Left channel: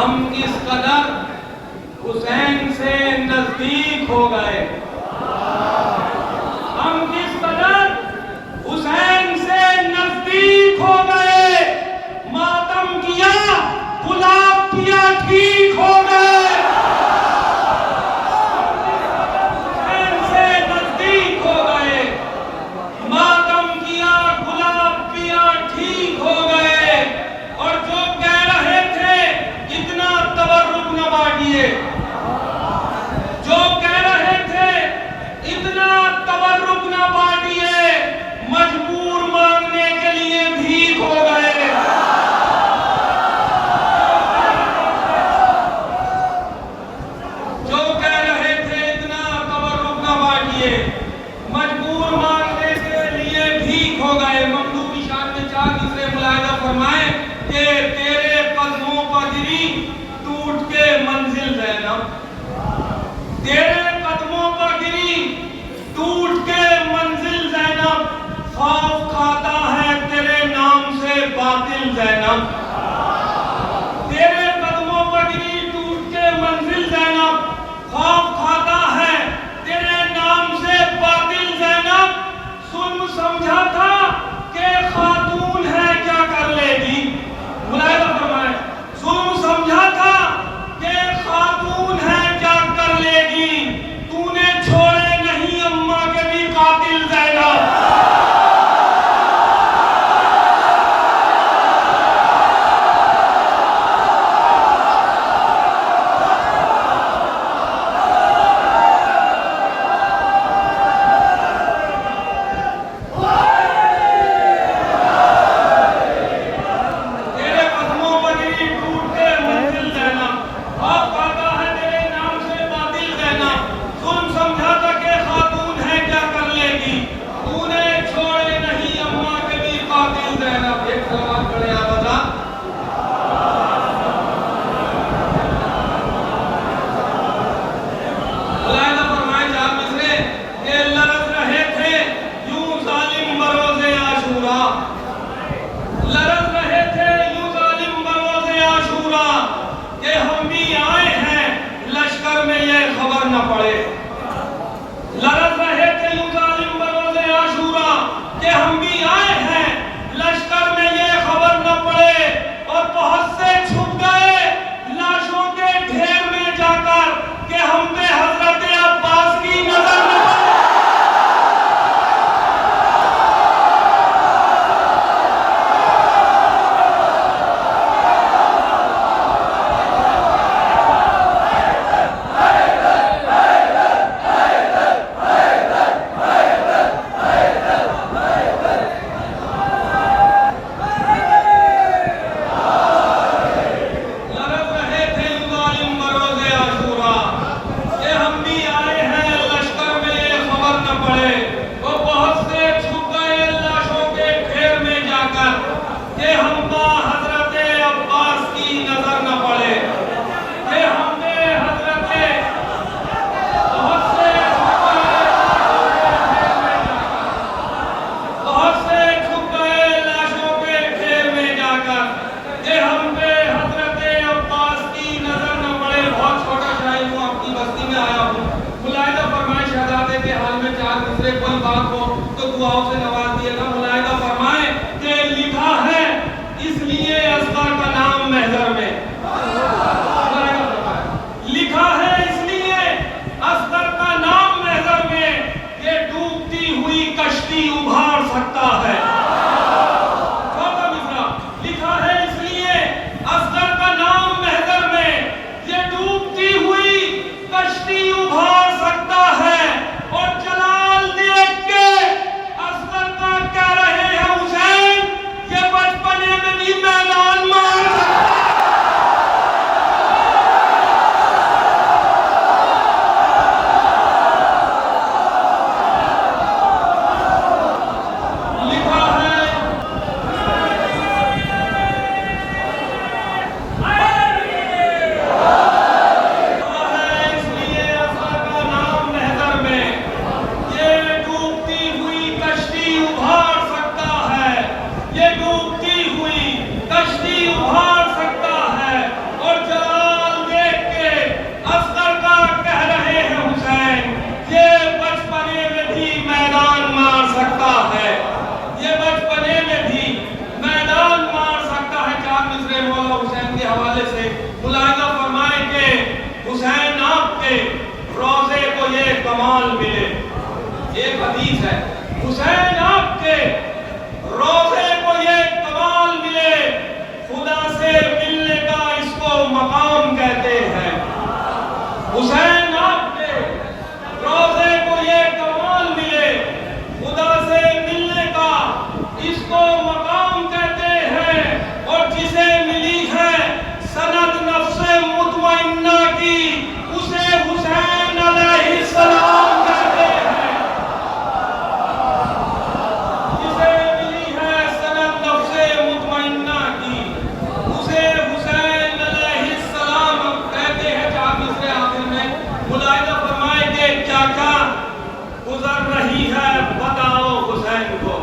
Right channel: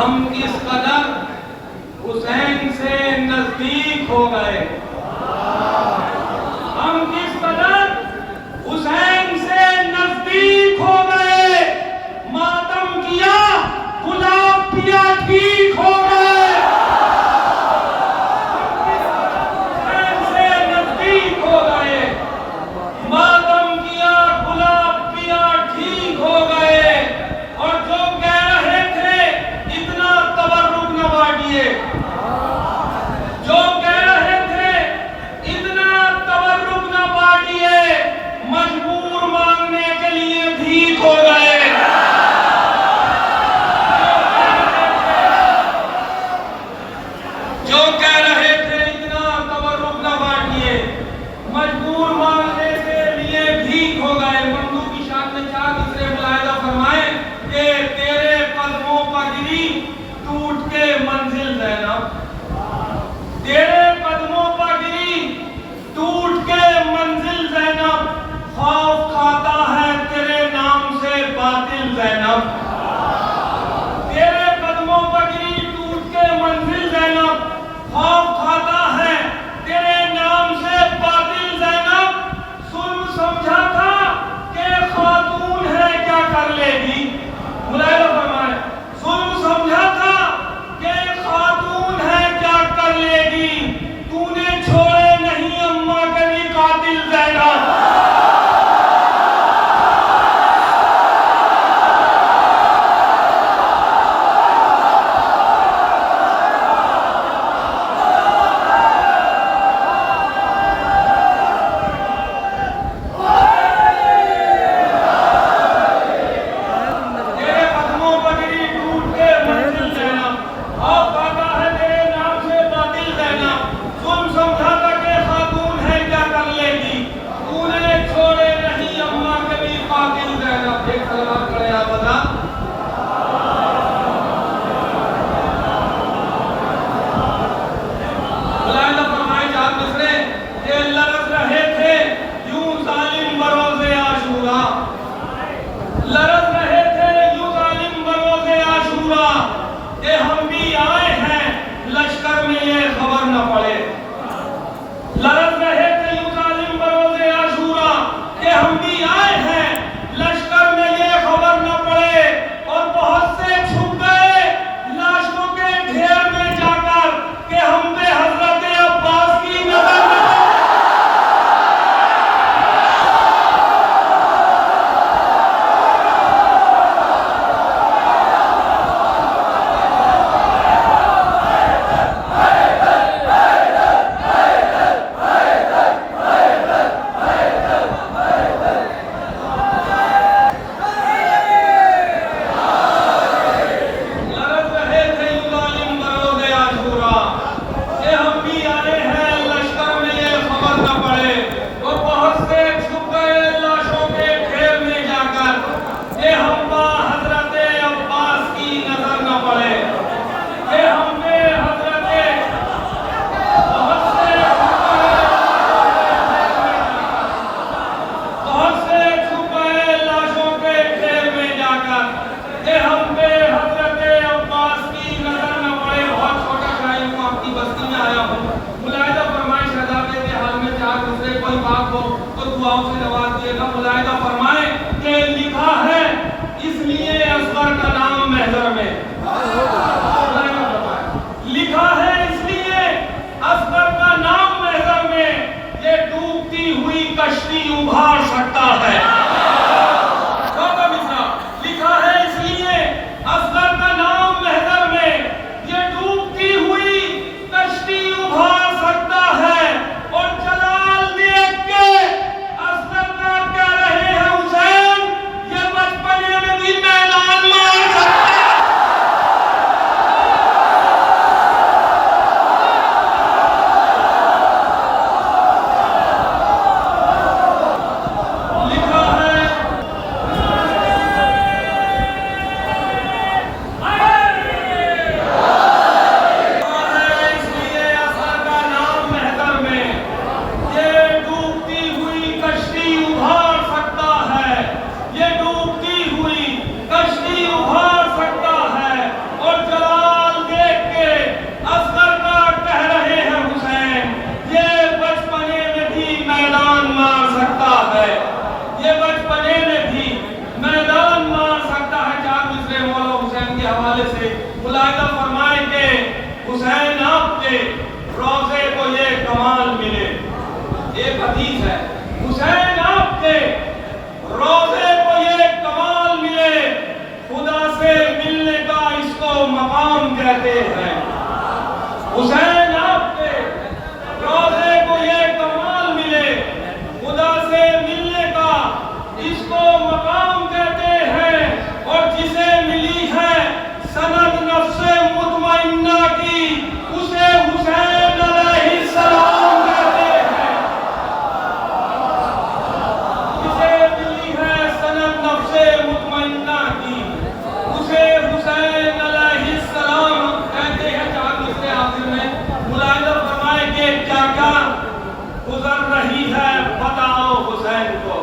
हम किस कदर हुसैन से नजदीक हो गए, हम किस कदर हुसैन से नजदीक हो गए, मातम किया गुलाब पिया ठीक हो गए। हम किस कदर हुसैन से नजदीक हो गए, मातम किया गुलाब पिया ठीक हो गए। और जो कह रहे थे इतना तबर्रुक न बांटिए, जो कह रहे थे इतना तबर्रुक न बांटिए, मजबूर मांगने के लिए भीख हो गए। जो कह रहे थे इतना तबर्रुक न बांटिए, मजबूर मांगने के लिए भीख हो गए। ममदू की शान में चार दूसरे मुलाहिजा फरमाए कि तेरे कदमों पर गिरी टूट के मंजिल ज़ैनब, तेरे कदमों पर गिरी टूट के मंजिल ज़ैनब, खौफ खाता है तेरे नाम से बातिल ज़ैनब, तेरे कदमों पर गिरी टूट के मंजिल ज़ैनब, खौफ खाता है तेरे नाम से बातिल ज़ैनब। सुन समझा था कि खातून है क्या कर लेगी, मुलाहिजा फरमाए, सुन समझा था कि खातून है क्या कर लेगी, तूने छोड़े नहीं अम्मा के भी कातिल ज़ैनब। तेरे कदमों पर गिरी टूट के मंजिल ज़ैनब, खौफ खाता है तेरे नाम से बातिल ज़ैनब। सुन समझा था कि खातून है क्या कर लेगी, तूने छोड़े नहीं अम्मा के भी कातिल ज़ैनब। एक सलाम करे आबदा। मुलाहिजा फरमाए चार दूसरे कि लरज़ रहे थे यूं जालिम बरोज़े आशूरा, लरज़ रहे थे यूं जालिम बरोज़े आशूरा कि हम भी आए हैं लश्कर में ये खबर न पड़े, लरज़ रहे थे यूं जालिम बरोज़े आशूरा कि हम भी आए हैं लश्कर में ये खबर न पड़े। और बहुत से छुप गए लाशों के ढेर में जाकर कि हम पे हजरत अब्बास की नजर न पड़े। लरज़ रहे थे यूं जालिम बरोज़े आशूरा कि हम भी आए हैं लश्कर में ये खबर न पड़े। वो बहुत से छुप गए लाशों के ढेर में जाकर कि हम पे हजरत अब्बास की नजर न पड़े, कि हम पे हजरत बहुत से बहुत से छुप गए लाशों के ढेर में जाकर कि हम पे हजरत अब्बास की नजर न पड़े। बहुत छोटा शायर हूँ, आपकी बस्ती में आया हूँ। मुलाहिजा फरमाए शहजादे के हाल में चार दूसरे कोई बात हो तो दुआओं से नवाज दिएगा। मुलाहिजा फरमाए कि लिखा है इसलिए असगर का नाम महजर में, लिखा है इसलिए असगर का नाम महजर में, ये डूबती हुई कश्ती उभार सकता है। चौथा मिसरा, लिखा है इसलिए असगर का नाम महजर में, ये डूबती हुई कश्ती उभार सकता है। और जलाल देख के असगर का कह रहे हैं हवाले से मुलाहिजा फरमाए कि हुसैन आपके रोजे को ये कमाल मिले। एक हदीस है, हुसैन आपके रोजे को ये कमाल मिले, खुदा से मिलने का इसको मकाम कहते हैं। हुसैन आपके रोजे को ये कमाल मिले, खुदा से मिलने का इसको मकाम कहते हैं। और जिसे मिली है सनद नफ्से मुतमइन्ना की, उसे हुसैन अलैहिस्सलाम कहते हैं। जिसे मिली है सनद नफ्से मुतमइन्ना की, उसे हुसैन अलैहिस्सलाम कहते हैं। चार मिसरे आखिर में मुलाहिजा फरमाए कि क्या क्या गुजर रही है बताओ हुसैन को।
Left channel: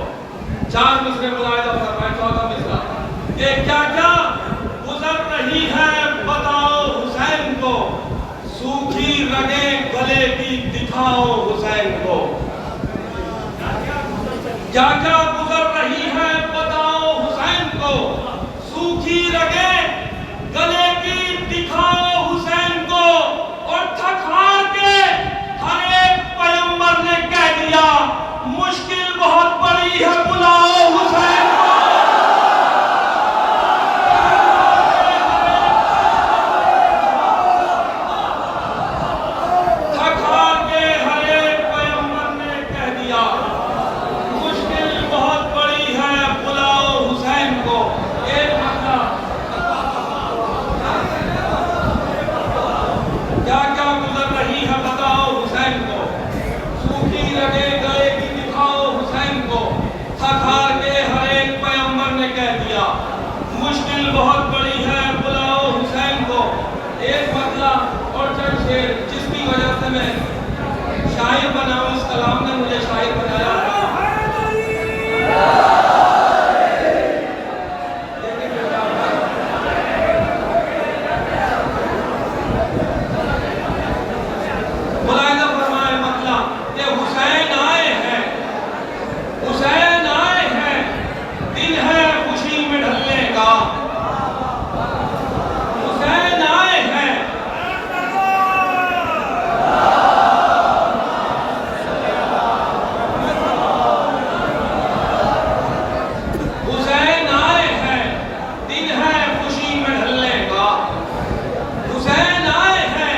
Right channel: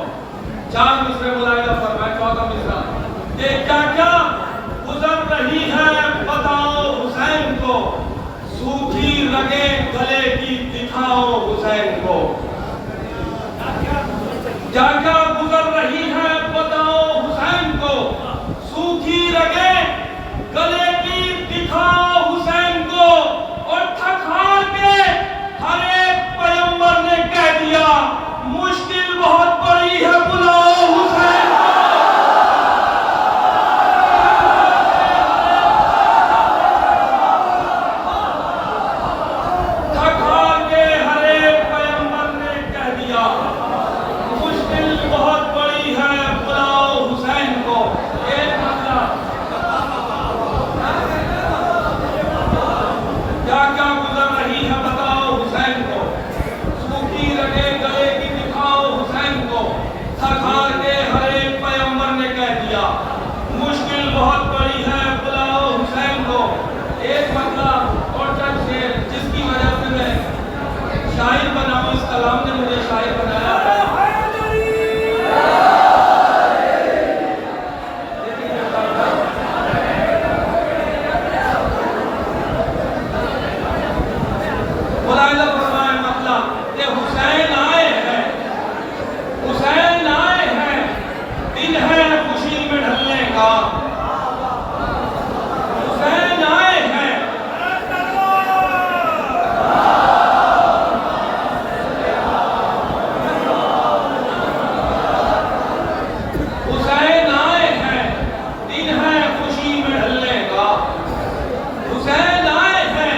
चार मिसरे मुलाहिजा फरमाए, चौथा मिसरा कि क्या क्या गुजर रही है बताओ हुसैन को, सूखी रगे गले की दिखाओ हुसैन को। क्या क्या गुजर रही है बताओ हुसैन को, सूखी रगे गले की दिखाओ हुसैन को। और थक हार के हर एक पैगंबर ने कह दिया मुश्किल बहुत बड़ी है, बुलाओ हुसैन को। थक हार के हर एक पैगंबर ने कह दिया मुश्किल बहुत बड़ी है, बुलाओ हुसैन को। एक मसला क्या क्या गुजर रही है बताओ हुसैन को, सूखी रगे गले की दिखाओ हुसैन को। थक हार के हर एक पैगंबर ने कह दिया मुश्किल बहुत बड़ी है, बुलाओ हुसैन को। एक मसला और चंद शेर जिसकी वजह से मैं शायर बना हूं, इस कलाम ने मुझे शायर बनाया है। मुलाहिजा फरमाए मसला कि हुसैन आए हैं, हुसैन आए हैं, दिन है खुशी में ढलने का। हुसैन आए हैं, हुसैन आए हैं, दिन है खुशी में ढलने का। हुसैन आए हैं,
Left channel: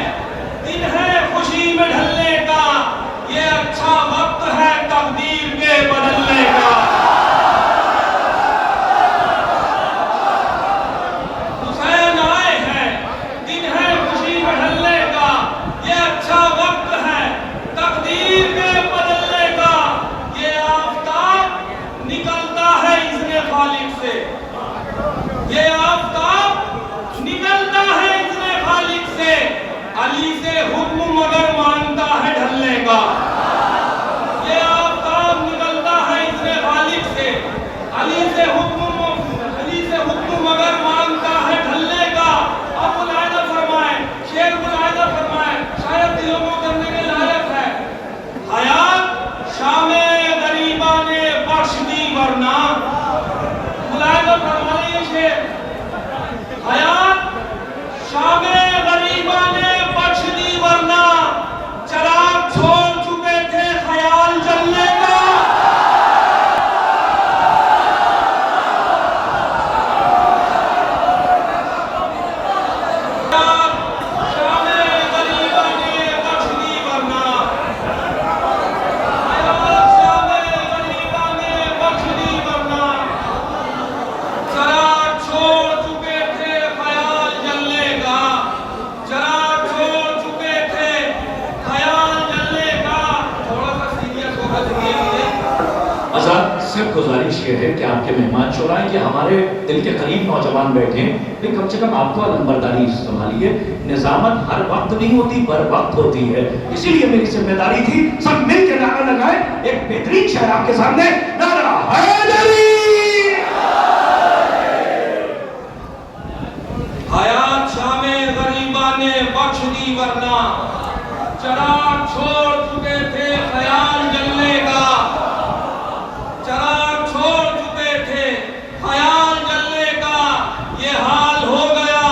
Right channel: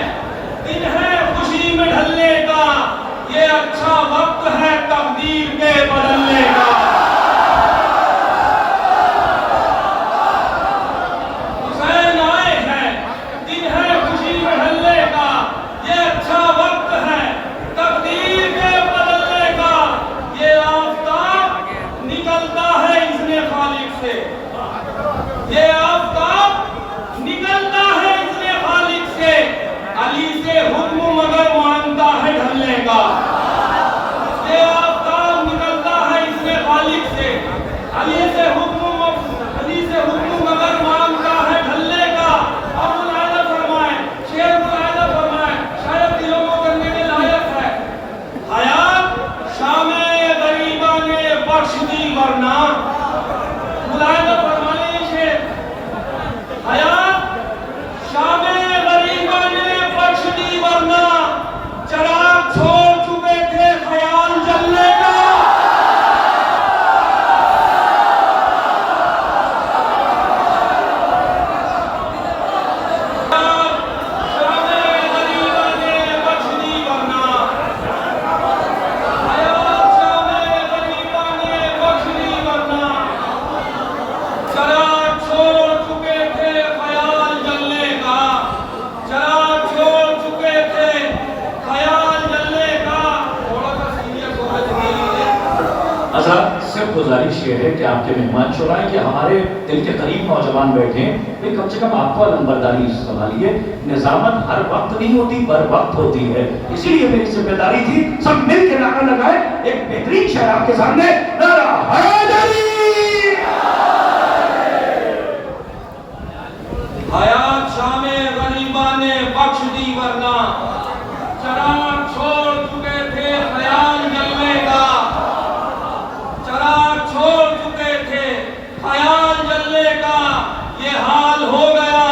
दिन है खुशी में ढलने का। ये अच्छा वक्त है तकदीर के बदलने का। हुसैन आए हैं, दिन है खुशी में ढलने का। ये अच्छा वक्त है तकदीर के बदलने का। ये आफताब निकलता है इज़्ने खालिक से, ये आफताब निकलता है इज़्ने खालिक से। अली से हुक्म मगर मानता है ढलने का। ये आफताब निकलता है इज़्ने खालिक से, अली से हुक्म मगर मानता है ढलने का। अब मुलाहिजा फरमाए, शेर मुलाहिजा फरमाए, शायद दिलों में उतरने के लायक है। हयात शामे गरीबा ने बख्श दी वरना, मुलाहिजा फरमाए ये शेर, हयात शामे गरीबा ने बख्श दी वरना, चराग छोड़ चुके थे ख्याल जलने का। शामे गरीबा ने बख्श दी वरना, शामे गरीबा ने बख्श दी वरना, चराग छोड़ चुके थे ख्याल जलने का। चराग छोड़ चुके थे ख्याल जलने का। थोड़ा सा सीरियस होना चाहिए मुझे। आजाद सिर्फ गुजारिश ये है कि आपके मेहमान शोराएं कि हमारे दिल के करीब नौजवान बैठे हैं, वे कम से कम आपको नंबरदारी संभालिए। निजामत हर वक्त नहीं होती, पर वक्त होती है, इसीलिए मेरी जिम्मेदारी थी सब मिल के नारा लगाए। एक बेहतरीन शहर आपके सामने, नारा हैदरी। हयात शामे गरीबा ने बख्श दी वरना, चराग छोड़ चुके थे ख्याल जलने का। चराग छोड़ चुके थे ख्याल जलने का। ये हाल हो गया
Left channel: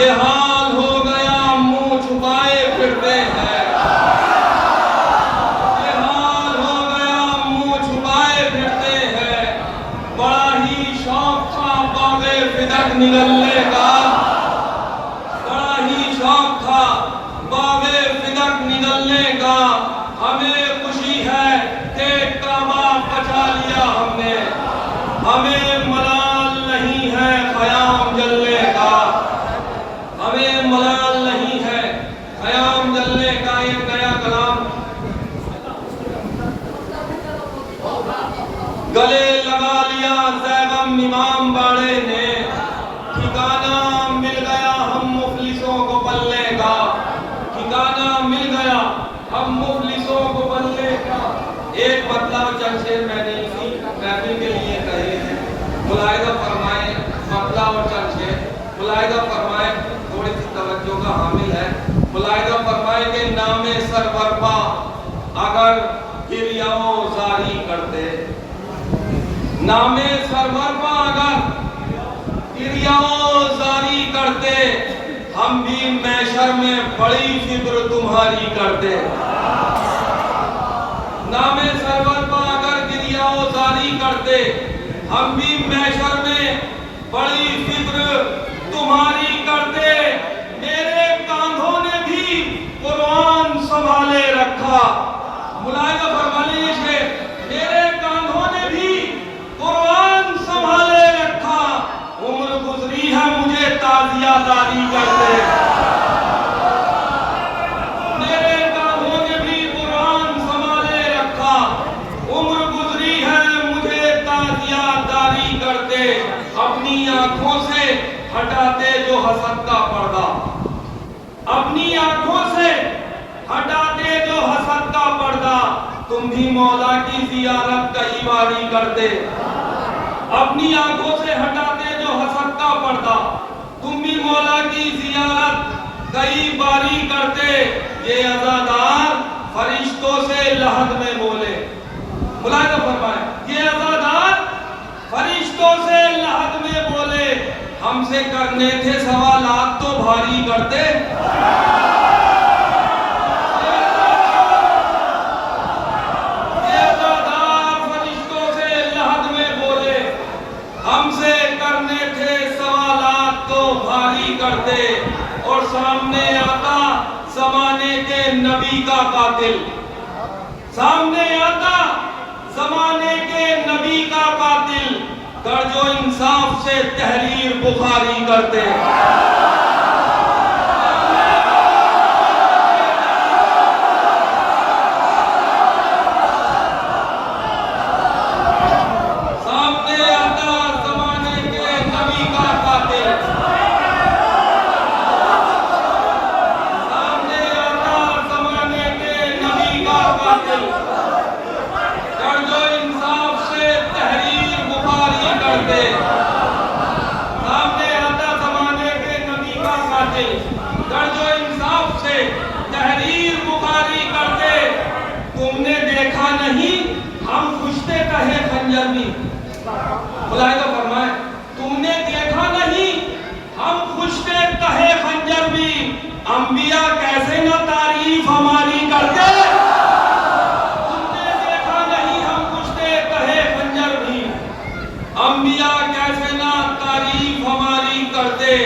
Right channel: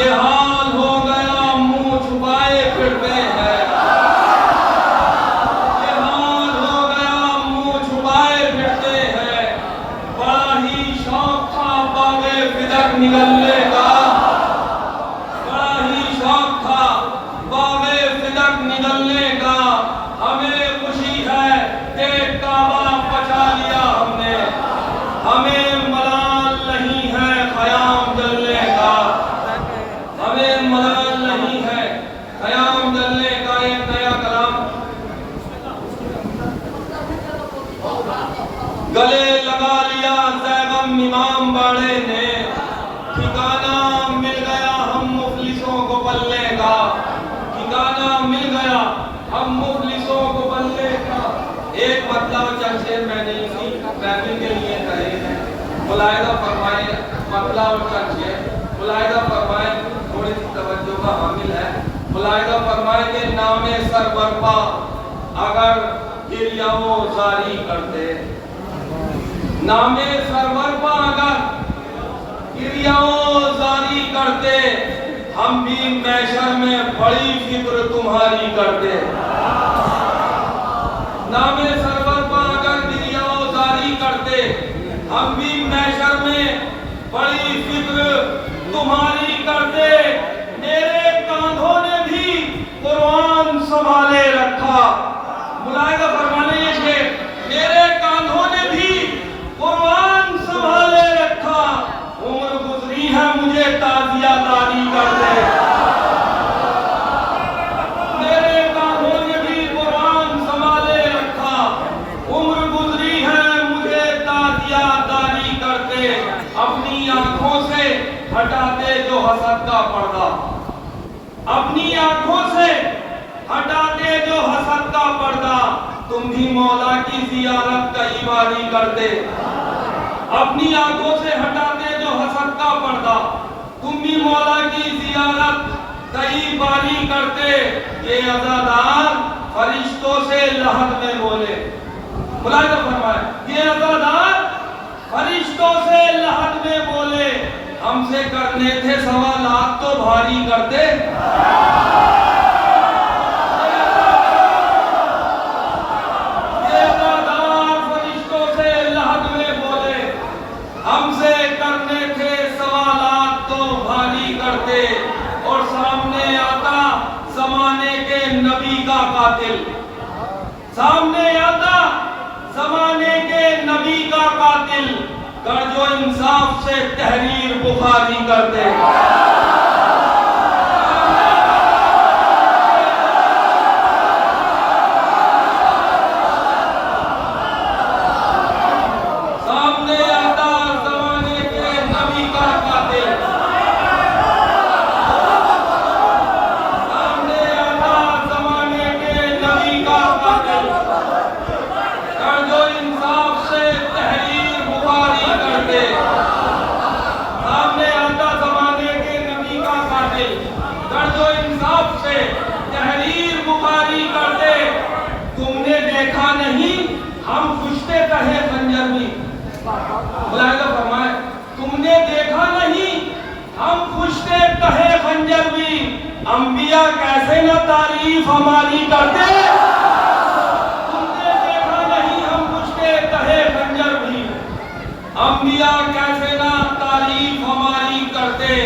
ये हाल हो गया, मुंह छुपाए फिरते हैं। ये हाल हो गया, मुंह छुपाए फिरते हैं। बड़ा ही शौक था बागे फिदक निगलने का, बड़ा ही शौक था बागे फिदक निगलने का। हमें खुशी है कि काबा बचा लिया हमने, हमें मलाल नहीं है ख़याम जलने का, हमें मलाल नहीं है ख़याम जलने का। एक नया कलाम गले लगा लिया ज़ैगम इमाम बाड़े ने, ठिकाना मिल गया हम मुफलिसों को पल्ले का, ठिकाना मिल गया हम मुफलिसों को पल्ले का। एक मतलब चर्चे मैंने इसी महफिल के लिए कहे हैं, मुलाहिजा फरमाए मतलब और चर्चे मुलाहिदा फरमाए, थोड़ी सी तवज्जो का हामिल है। मुलाहिदा फरमाए के नामे सरवरपा अगर गिरियाओ जारी करते, नामे सरवरपा अगर गिरियाओ जारी करते, हम भी मैशर में बड़ी फिक्र तुम्हारी करते। नामे सरवरपा अगर गिरियाओ जारी करते, हम भी मैशर में बड़ी फिक्र तुम्हारी करते। मेरे कांधों ने भी कुरान संभाले रखा। मुलाहिदा फरमाने ये शेर, मेरे कांधों ने भी कुरान संभाले रखा। उम्र गुजरी है मुझे ताजिया दारी करते। मेरे कांधों ने भी कुरान संभाले रखा। उम्र गुजरी है मुझे ताजिया दारी करते। अपनी आंखों से हटाते जो हसद का पर्दा, अपनी आंखों से हटाते जो हसद का पर्दा, तुम भी मौला की जियारत कई बारी करते। अपनी आंखों से हटाते जो हसद का पर्दा, तुम भी मौला की जियारत कई बारी करते। ये अज़ादार फरिश्तों से लहद में बोले। मुलाहिदा फरमाए, ये अज़ादार फरिश्तों से लहद में बोले, हमसे करने थे सवालात तो भारी करते। ये अज़ादार फरिश्तों से लहद में बोले, हमसे करने थे सवालात तो भारी करते। और सामने आता जमाने के नबी का कातिल, सामने आता जमाने के नबी का कातिल, कर जो इंसाफ से तहरीर बुखारी करते। सामने आता जमाने के नबी का कातिल, सामने आता जमाने के नबी का कातिल, कर जो इंसाफ से तहरीर बुखारी करते। सामने आता जमाने के नबी का कातिल, कर जो इंसाफ से तहरीर बुखारी करते। तुमने देखा नहीं हम खुशते कहे खंजर में। मुलाहिदा फरमाए, तुमने देखा नहीं हम खुशते कहे खंजर में, अंबिया कैसे न तारीफ हमारी करते। तुमने देखा नहीं हम खुशते कहे खंजर में, अंबिया कैसे न तारीफ हमारी करते।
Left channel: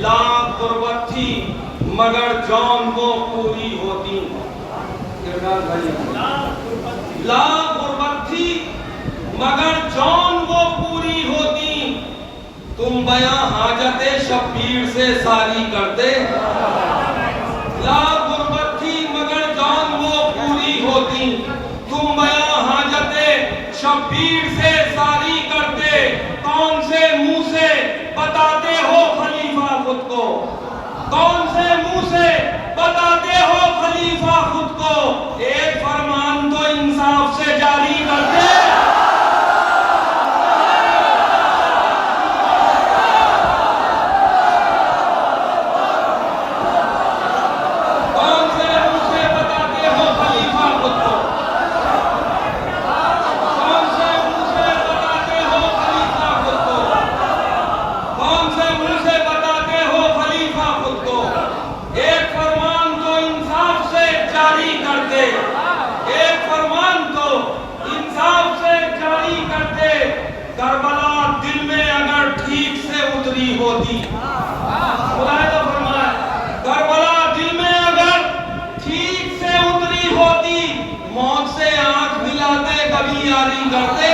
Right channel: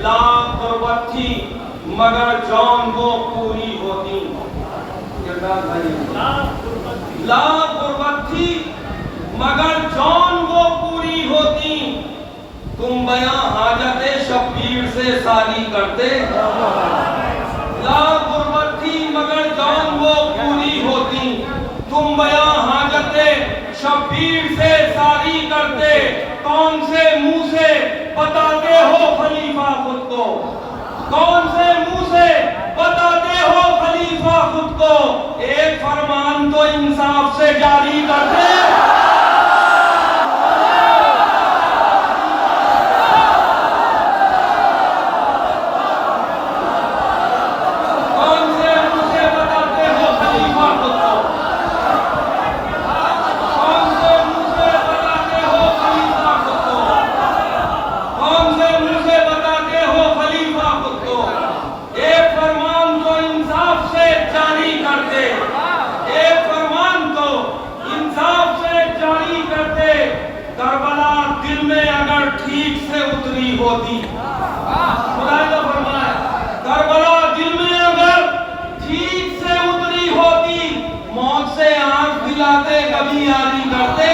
लाख गुर्बत थी मगर जौन वो पूरी होती। लाख गुर्बत थी मगर जौन वो पूरी होती। तुम बयां हाजते शब्बीर से सारी करते। लाख गुर्बत थी मगर जौन वो पूरी होती। तुम बयां हाजते शब्बीर से सारी करते। कौन से मुंह से बताते हो खलीफा खुद को, कौन से मुंह से बताते हो खलीफा खुद को। एक फरमान तो इंसाफ से जारी करते। कौन से मुंह से बताते हो खलीफा खुद को, कौन से मुंह से बताते हो खलीफा खुद को, कौन से मुंह से बताते हो खलीफा खुद को। एक फरमान तो इंसाफ से जारी करते, एक फरमान तो इंसाफ से जारी करते। करबला दिल में अगर ठीक से उतरी होती। मुलाहिदा फरमाए, करबला दिल में अगर ठीक से उतरी होती, मौत से आंख मिलाते कभी यारी करते।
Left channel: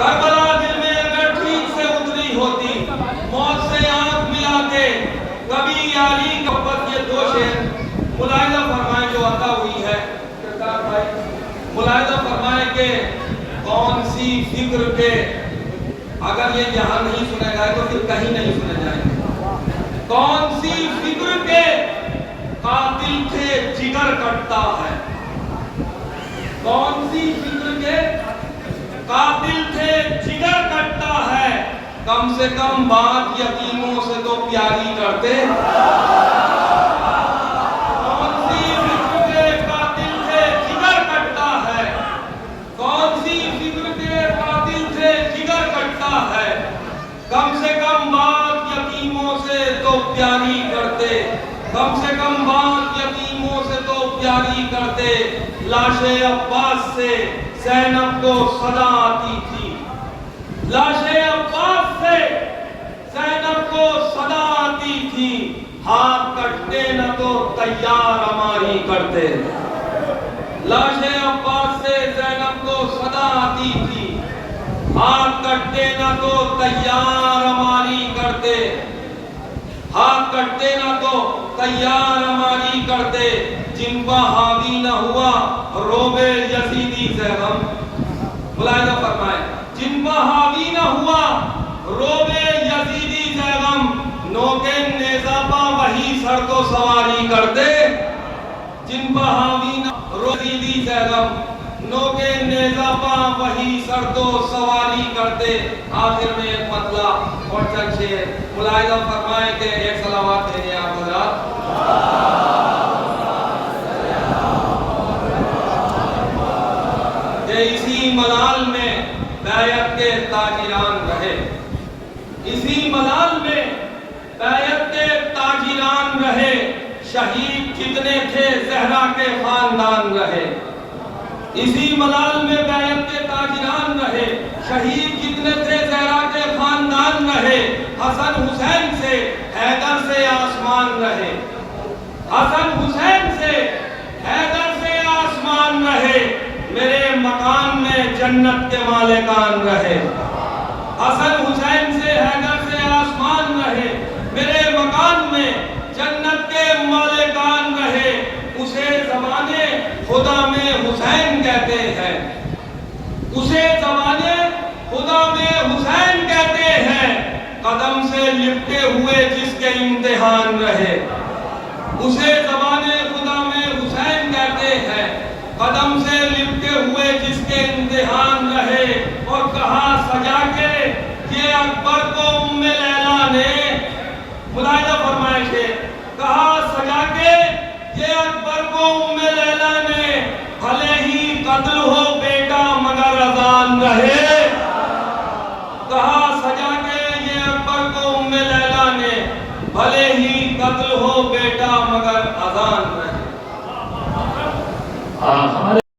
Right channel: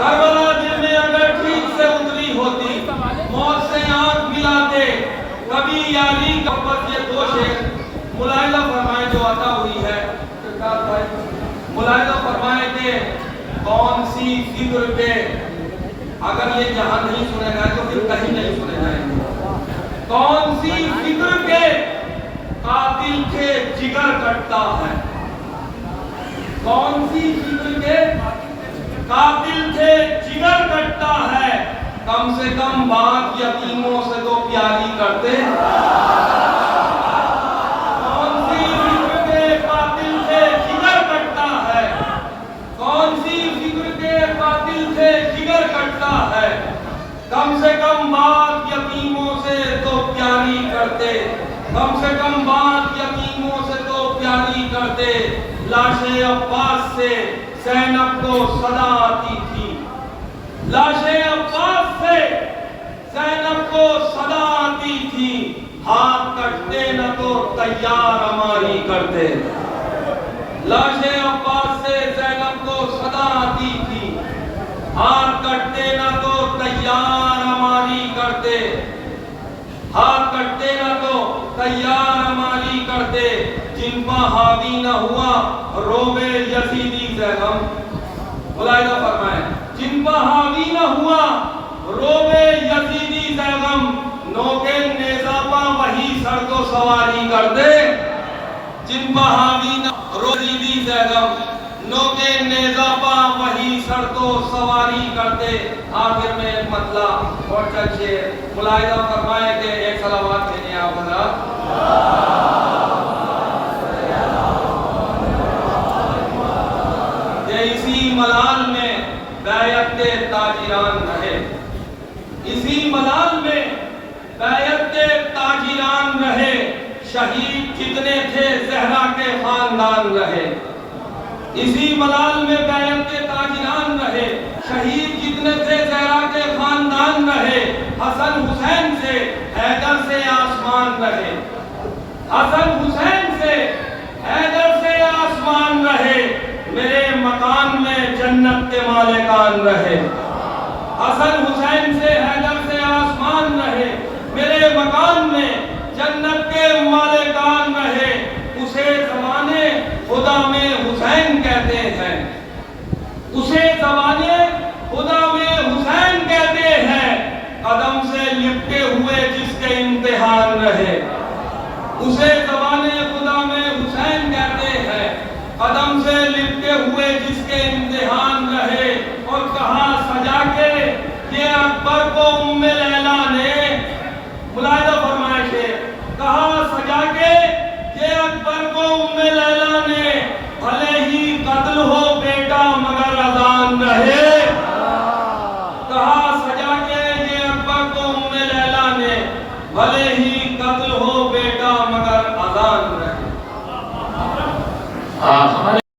करबला दिल में अगर ठीक से उतरी होती, मौत से आंख मिलाते कभी यारी का। बस ये दो शेर मुलाहिदा फरमाए जो अता हुई है। मुलाहिदा फरमाए के कौन सी फिक्र के, अगर ये यहाँ नहीं सुने जाए तो फिर कहीं नहीं सुने जाएंगे। कौन सी फिक्र के कातिल के जिगर कटता है। कौन सी फिक्र के कातिल के जिगर कटता है। कम से कम बात यतीमों से तो प्यारी करते। कौन सी फिक्र के कातिल से जिगर कटता है, कौन सी फिक्र के कातिल से जिगर कटता है, कम से कम बात यतीमों से तो प्यारी करते, कम से कम बात यतीमों से तो प्यारी करते। लाशे अब्बास से ज़ैनब को सदा आती थी, लाशे अब्बास से ज़ैनब को सदा आती थी, हाथ कटते न तो तैयार हमारी करते। लाशे अब्बास से ज़ैनब को सदा आती थी, हाथ कटते न तो तैयार हमारी करते, हाथ कटते न तो तैयार हमारी करते। जिन पर हावी न हुआ रोबे यजीदी ज़ैनब, मुलाहिजा फरमाए, जिन पर हावी न हुआ रोबे यजीदी ज़ैनब, नोके नेज़ापा वही सर को सवारी करते। जिन पर हावी न यजीदी ज़ैनब, नोके नेज़ापा वही सर को सवारी करते। आखिर में एक मतला और चर्चे मुलाहिजा फरमाए के एक सलावत देने आप हज़रात। इसी मलाल में बैयत के ताजिरान रहे, इसी मलाल में बैयत के ताजिरान रहे, शहीद जितने थे ज़हरा के खानदान रहे। इसी मलाल में बैयत के ताजिरान रहे, शहीद जितने थे ज़हरा के खानदान रहे। हसन हुसैन से हैदर से आसमान रहे, हसन हुसैन से हैदर से आसमान रहे। मेरे मकान में जन्नत के मालिकान रहे, हसन हुसैन से हैदर से आसमान रहे। मेरे मकान में जन्नत के मालिकान रहे। उसे ज़माने खुदा में हुसैन कहते हैं, उसे ज़माने खुदा में हुसैन कहते हैं। कदम से लिपटे हुए जिसके इम्तिहान रहे, उसे ज़माने खुदा में हुसैन कहते हैं। कदम से लिपटे हुए जिसके इम्तिहान रहे। और कहा सजा के ये अकबर को उम्मे लैला ने, मुलाहिजा फरमाइश है, कहा सजा के ये अकबर को उम्मे लैला ने, भले ही कत्ल हो